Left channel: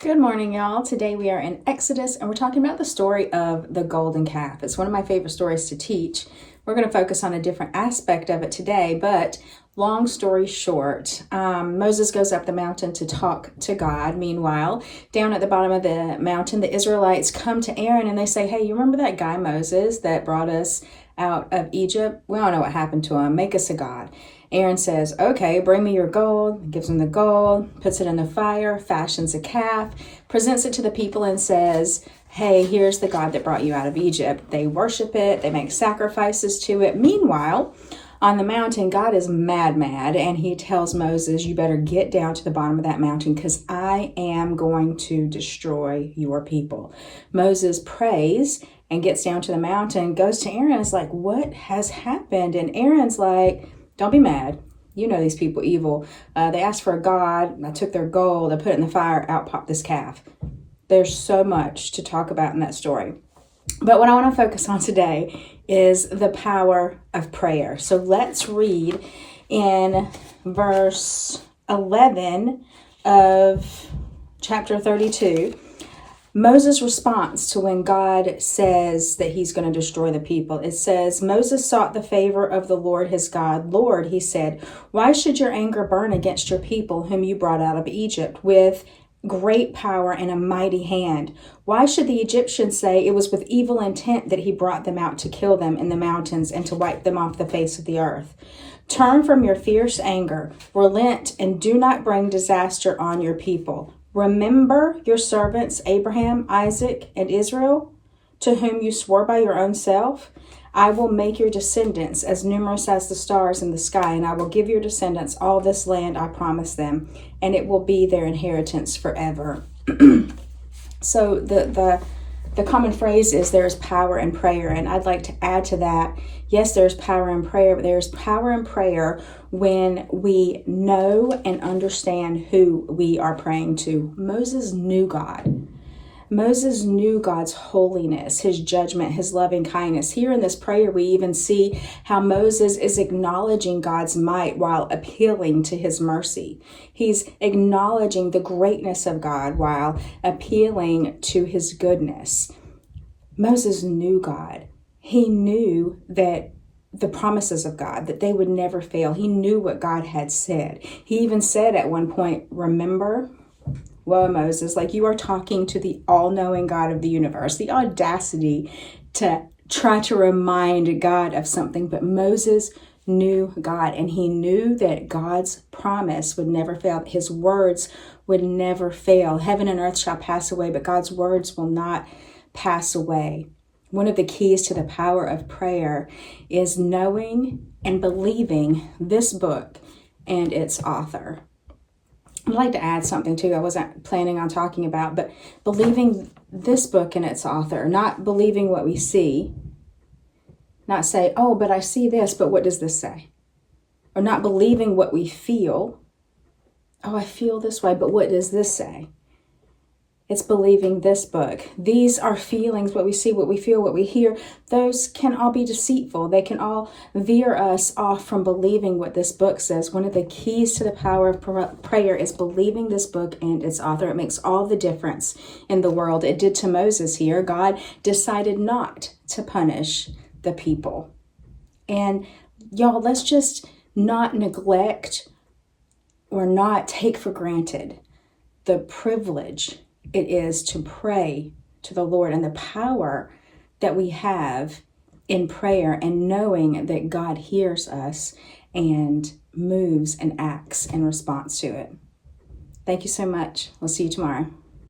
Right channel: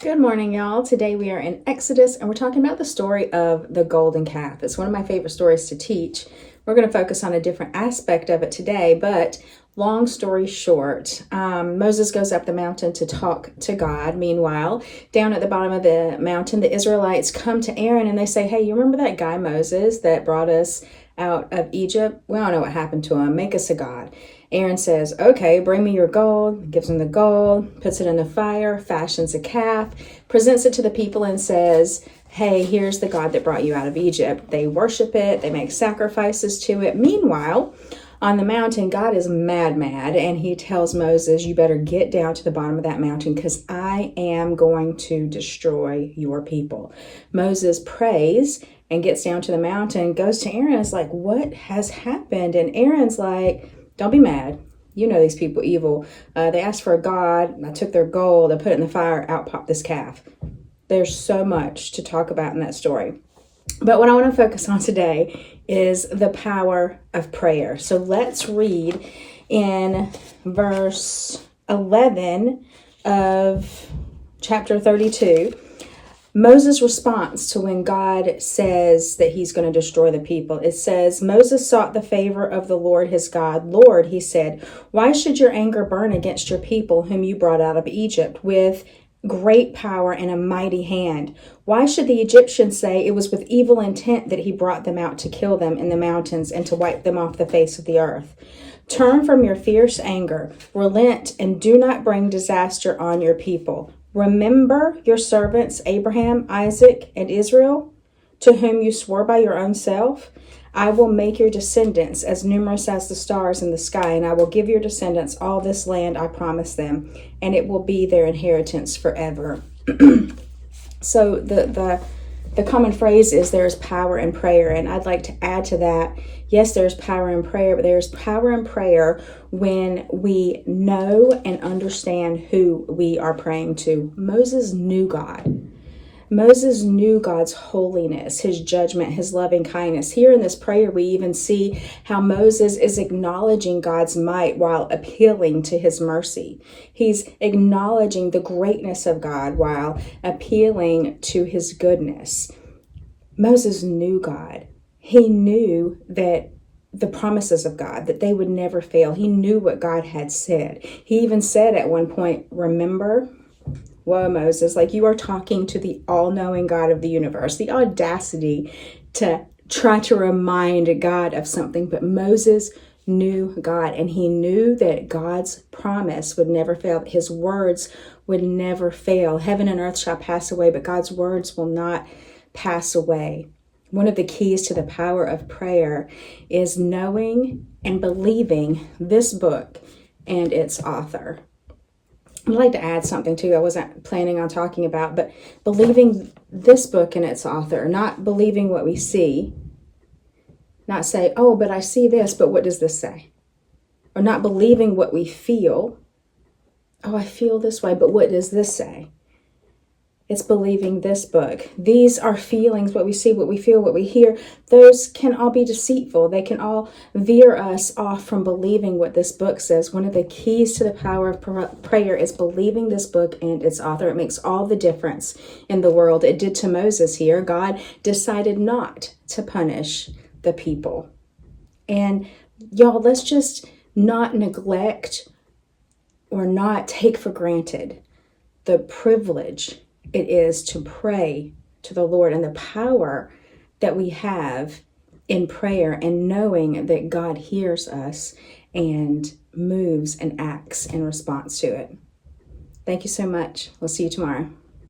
Good morning, y'all. Today we are in Exodus and we're talking about the story of the golden calf. It's one of my favorite stories to teach. We're going to focus on a different aspect of it today, but long story short, Moses goes up the mountain to talk to God. Meanwhile, down at the bottom of the mountain, the Israelites come to Aaron and they say, "Hey, you remember that guy Moses that brought us out of Egypt? We don't know what happened to him. Make us a god." Aaron says, "Okay, bring me your gold," gives him the gold, puts it in the fire, fashions a calf, presents it to the people and says, "Hey, here's the God that brought you out of Egypt." They worship it, they make sacrifices to it. Meanwhile, on the mountain, God is mad, and he tells Moses, "You better get down to the bottom of that mountain because I am going to destroy your people." Moses prays and gets down to the mountain, goes to Aaron, is like, "What has happened?" And Aaron's like, "Don't be mad. You know these people evil. They asked for a god. I took their gold. I put it in the fire. Out popped this calf." There's so much to talk about in that story. But what I want to focus on today is the power of prayer. So let's read in verse 11 of chapter 32. Moses' response to when God says that he's going to destroy the people. It says, "Moses sought the favor of the Lord his God. 'Lord,' he said, 'why should your anger burn against your people whom you brought out of Egypt with great power and a mighty hand? Why should the Egyptians say it was with evil intent that he brought them out to kill them in the mountains and to wipe them off the face of the earth? Turn from your fierce anger, relent, and do not bring disaster on your people. Remember your servants Abraham, Isaac, and Israel, to whom you swore by your own self. I will make your descendants as numerous as the stars in the sky, and I will give your descendants all this land I promised them, and it will be their inheritance forever.'" So the common phrase is there's power in prayer, and I'd like to add to that, yes, there's power in prayer, but there's power in prayer when we know and understand who we are praying to. Moses knew God. Moses knew God's holiness, his judgment, his loving kindness. Here in this prayer, we even see how Moses is acknowledging God's might while appealing to his mercy. He's acknowledging the greatness of God while appealing to his goodness. Moses knew God. He knew that the promises of God, that they would never fail. He knew what God had said. He even said at one point, "Remember?" Whoa, Moses, like you are talking to the all-knowing God of the universe. The audacity to try to remind God of something. But Moses knew God, and he knew that God's promise would never fail. His words would never fail. Heaven and earth shall pass away, but God's words will not pass away. One of the keys to the power of prayer is knowing and believing this book and its author. I'd like to add something too I wasn't planning on talking about, but believing this book and its author, not believing what we see, not say, "Oh, but I see this, but what does this say?" Or not believing what we feel. "Oh, I feel this way, but what does this say?" It's believing this book. These are feelings, what we see, what we feel, what we hear. Those can all be deceitful. They can all veer us off from believing what this book says. One of the keys to the power of prayer is believing this book and its author. It makes all the difference in the world. It did to Moses here. God decided not to punish the people. And y'all, let's just not neglect or not take for granted the privilege it is to pray to the Lord and the power that we have in prayer and knowing that God hears us and moves and acts in response to it. Thank you so much. We'll see you tomorrow.